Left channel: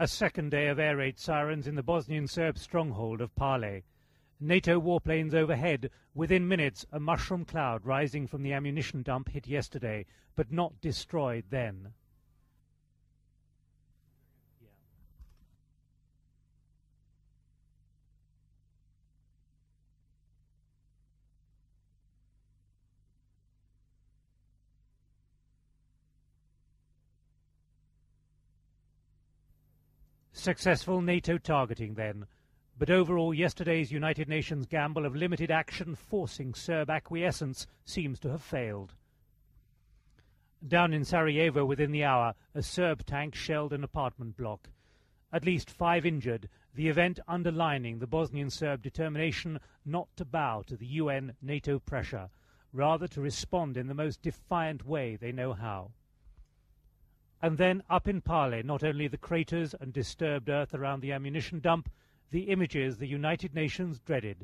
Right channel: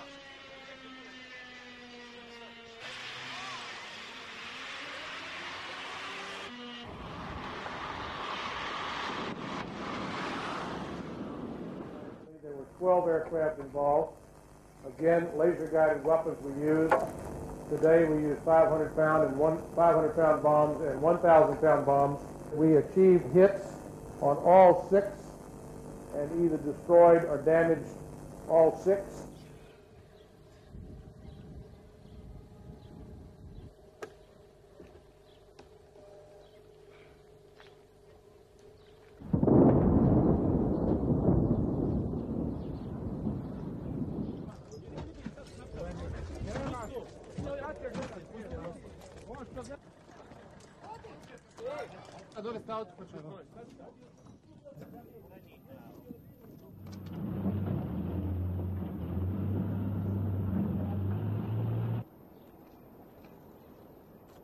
A second day of air raid sirens in the Bosnian Serb stronghold of Pale. NATO warplanes overhead. Within minutes, a mushroom cloud rising from the ammunition dump hit yesterday, but not destroyed then. There were 12 aircraft involved. Again, laser-guided weapons were used. Today we used 500-pound bombs and 1,000-pound bombs. We achieved hits on all 6 and either destroyed or damaged all 6. Successful NATO targeting then. But overall, yesterday's United Nations gamble of limited action forcing Serb acquiescence seems to have failed. Down in Sarajevo within the hour, a Serb tank shelled an apartment block. At least 5 injured, the event underlining the Bosnian Serb determination not to bow to the UN NATO pressure, rather to respond in the most defiant way they know how. And then up in Pale, not only the craters and disturbed earth around the ammunition dump, the images the United Nations dreaded.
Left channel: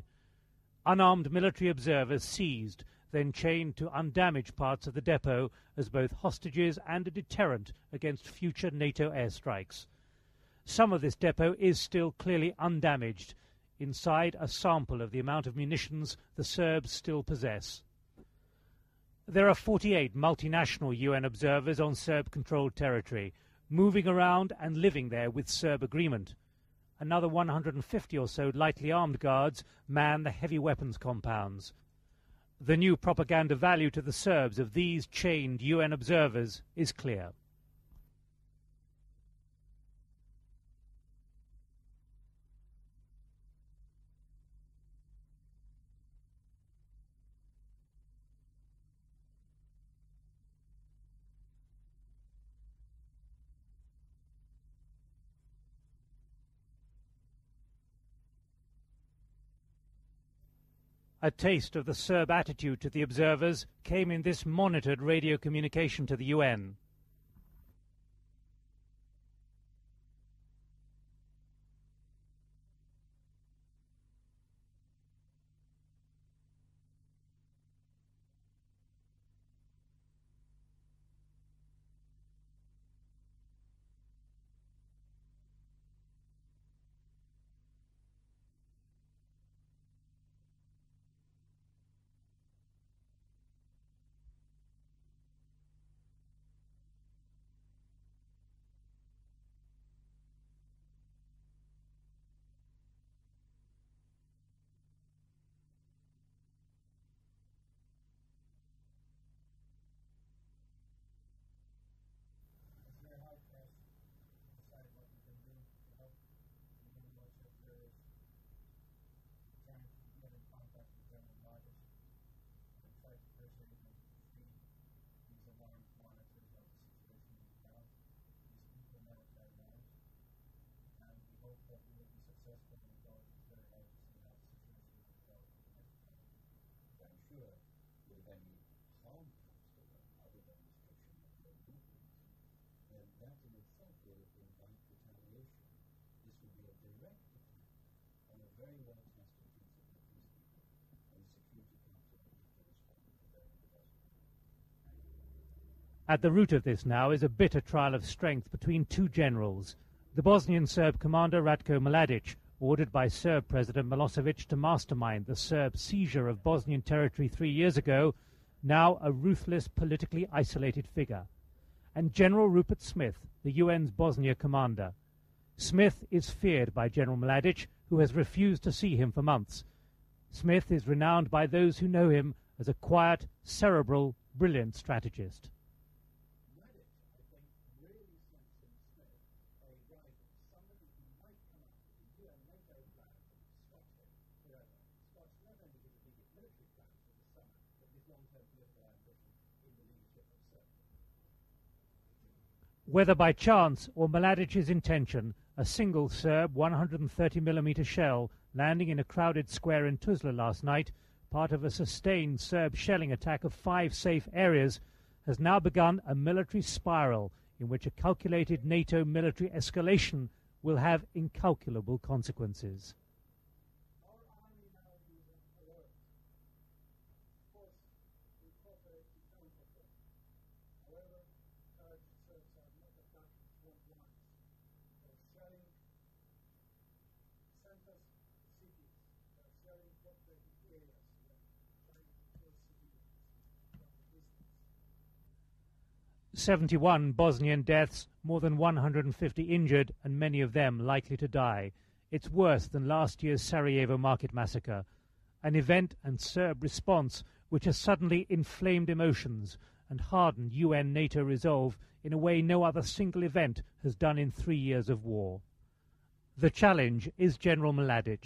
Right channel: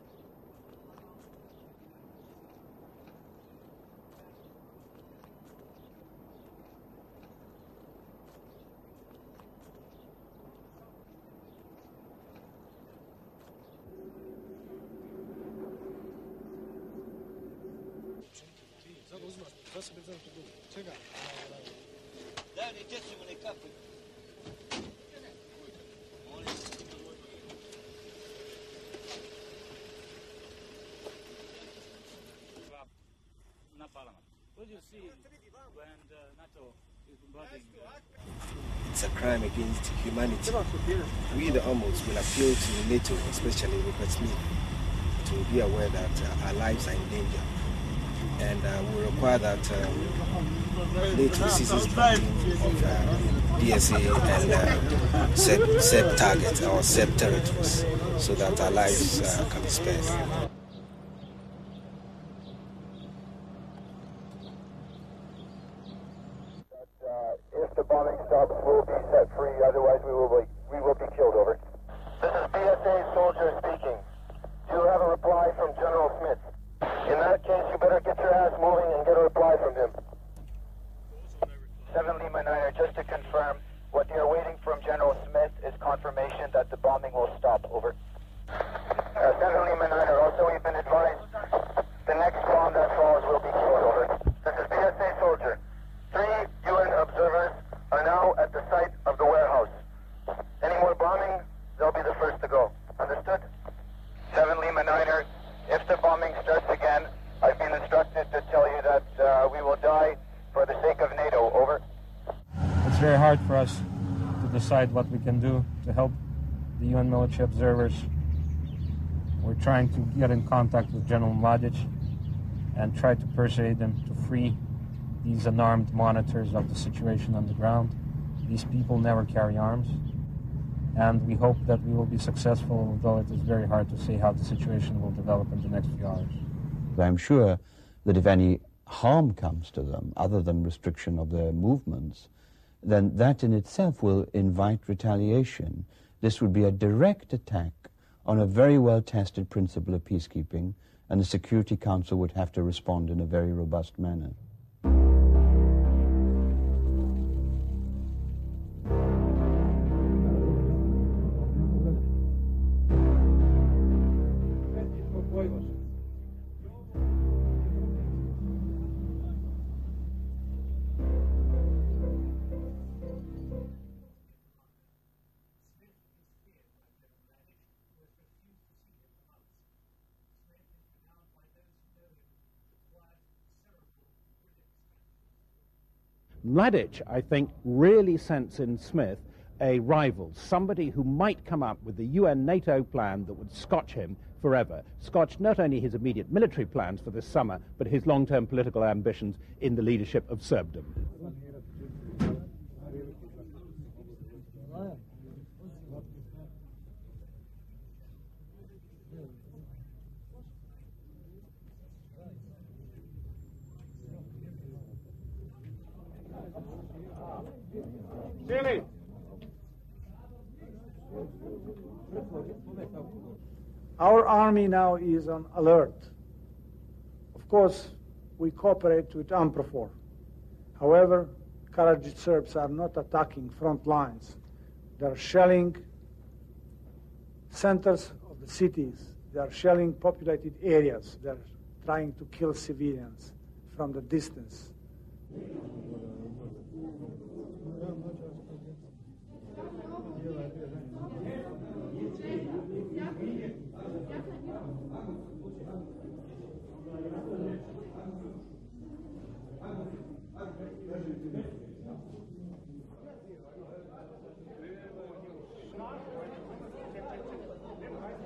Unarmed military observers seized, then chained to undamaged parts of the depot as both hostages and a deterrent against future NATO airstrikes. Some of this depot is still clearly undamaged. Inside, a sample of the amount of munitions the Serbs still possess. There are 48 multinational UN observers on Serb-controlled territory, moving around and living there with Serb agreement. Another 150 or so lightly armed guards man the heavy weapons compounds. The new propaganda value to the Serbs of these chained UN observers is clear. It's a crime against humanity. We, the Armors, will appeal to NATO, especially Rupert Smith, to be aware that our lives are in danger. And we require that NATO ceases funding of DSA and Serb targets or Serb territories so that our lives can be spared. A taste of the Serb attitude to the observers came in this monitored radio communication to the UN. If the bombing stops, we'll be set free. Otherwise, we will be killed. Over. This is BSA soldier speaking. Do you have a reply from General Smith? In that case, you better get your ass moving and get a reply from him. 7 Lima Niner, just to confirm, what you're waiting from General Smith is confirmation that the bombing will stop. Over. 7 Lima Niner, also we've been advised the next bomb that falls will be killed. Over. This is BSA soldier. 3 UN observers are now at the site of the warehouse. Any more bombing, they'll be the first to go. Understood? 7 Lima Niner, if the bombing starts again, I've been instructed to tell you that we will die for the sake of NATO. Over. It's very hard for us to decide what we can do to help the UN military observers. We're trying to get in contact with General Mladic and try to persuade them to free these unarmed monitors of the situation on the ground. These people never carry arms, and we hope that we will be successful, although it is very hard to say how the situation will develop in the next few hours. I'm sure that if any harm comes to them, other than restriction of their movements, then that in itself will invite retaliation. This would be a direct attack on a very well-tested principle of peacekeeping, and the Security Council would have to respond in a very robust manner. At the root of this now is a bitter trial of strength between 2 generals. The Bosnian Serb commander Ratko Mladic, ordered by Serb President Milosevic to mastermind the Serb seizure of Bosnian territory 3 years ago, now a ruthless, politically isolated figure. And General Rupert Smith, the UN's Bosnia commander. Smith is feared by General Mladic, who has refused to see him for months. Smith is renowned by those who know him as a quiet, cerebral, brilliant strategist. Mladic, I think, really sense in Smith a rival, somebody who might come up with the UN-NATO plan that would scotch him forever, scotch not only his immediate military plans for this summer, but his long-term political ambitions in the leadership of Serbdom. Whether by chance or Mladic's intention, a single Serb 130mm shell landing in a crowded square in Tuzla last night, part of a sustained Serb shelling attack of 5 safe areas, has now begun a military spiral in which a calculated NATO military escalation will have incalculable consequences. Our army now is on alert. Of course, we cooperate with UNPROFOR. However, Karadzic Serbs are not attacking front lines. They are shelling centers of the cities. They are shelling populated areas. They are trying to kill civilians from the distance. 71 Bosnian deaths, more than 150 injured, and many of them likely to die. It's worse than last year's Sarajevo market massacre. An event and Serb response which has suddenly inflamed emotions and hardened UN-NATO resolve in a way no other single event has done in 3 years of war. The challenge is General Mladic.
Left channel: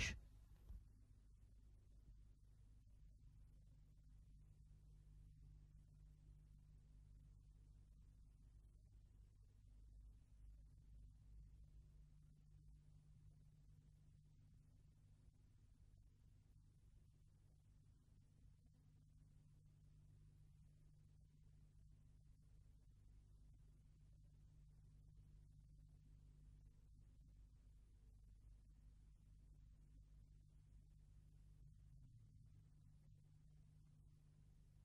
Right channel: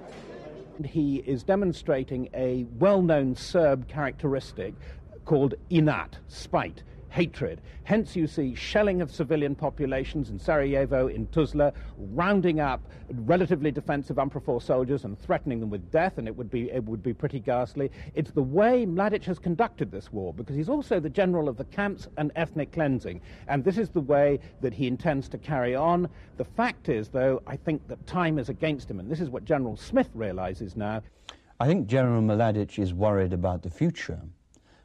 He is demonstrating a well-known Serb characteristic called inat, spite, hatred. Hence you see shelling of civilian populations in Sarajevo, in Tuzla, rounding up relatively defensive UNPROFOR soldiers and threatening them with death, and it would be pretty ghastly. It's the way Mladic has conducted this war, because he's also the general of the camps and ethnic cleansing, and this is the way that he intends to carry on. The fact is, though, I think that time is against him, and this is what General Smith realizes now. I think General Mladic is worried about the future.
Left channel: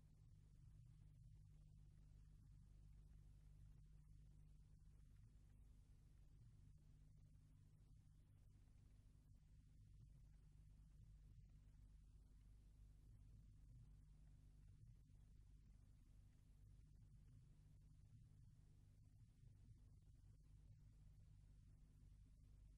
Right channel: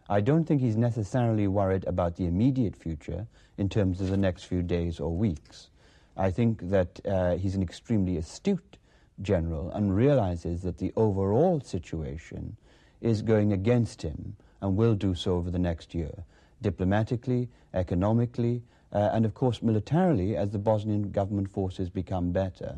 I don't think he's necessarily worried about the immediate future in terms of the next few days or weeks. I think that he's an extremely astute general and realizes that the overall situation is going against him and will do so over the next year, diplomatically, economically, and of course militarily as the Bosnian government forces become better.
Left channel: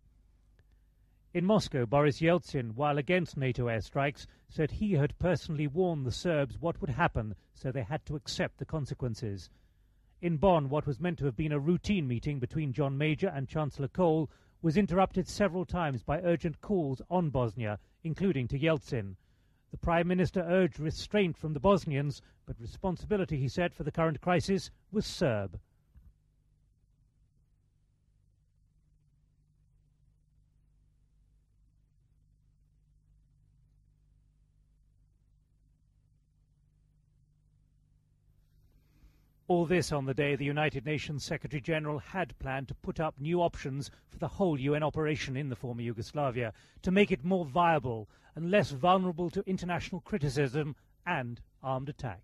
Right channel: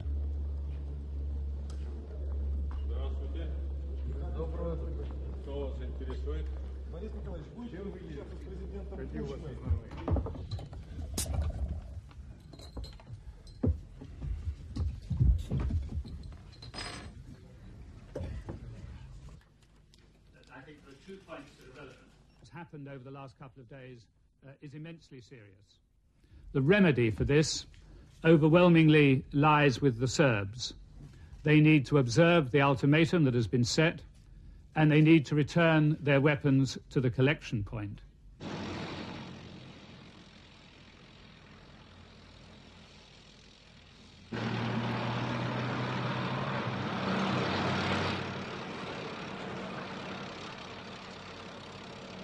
In Moscow, Boris Yeltsin, while against NATO airstrikes, said he had personally warned the Serbs what would happen, so they had to accept the consequences. In Bonn, what was meant to have been a routine meeting between John Major and Chancellor Kohl was interrupted several times by urgent calls on Bosnia, including to Yeltsin. The Prime Minister urged restraint from the Bosnians, but responsibility, he said, for the current crisis was Serb. The remedy for this overwhelmingly lies with the Serbs. They need to observe the ultimatum that has been set, and they need to return their weapons to the collection point. All this on the day the United Nations Secretary-General had planned to put up new options for the whole UN operation in former Yugoslavia to make it more viable and less vulnerable to international criticism and armed attack.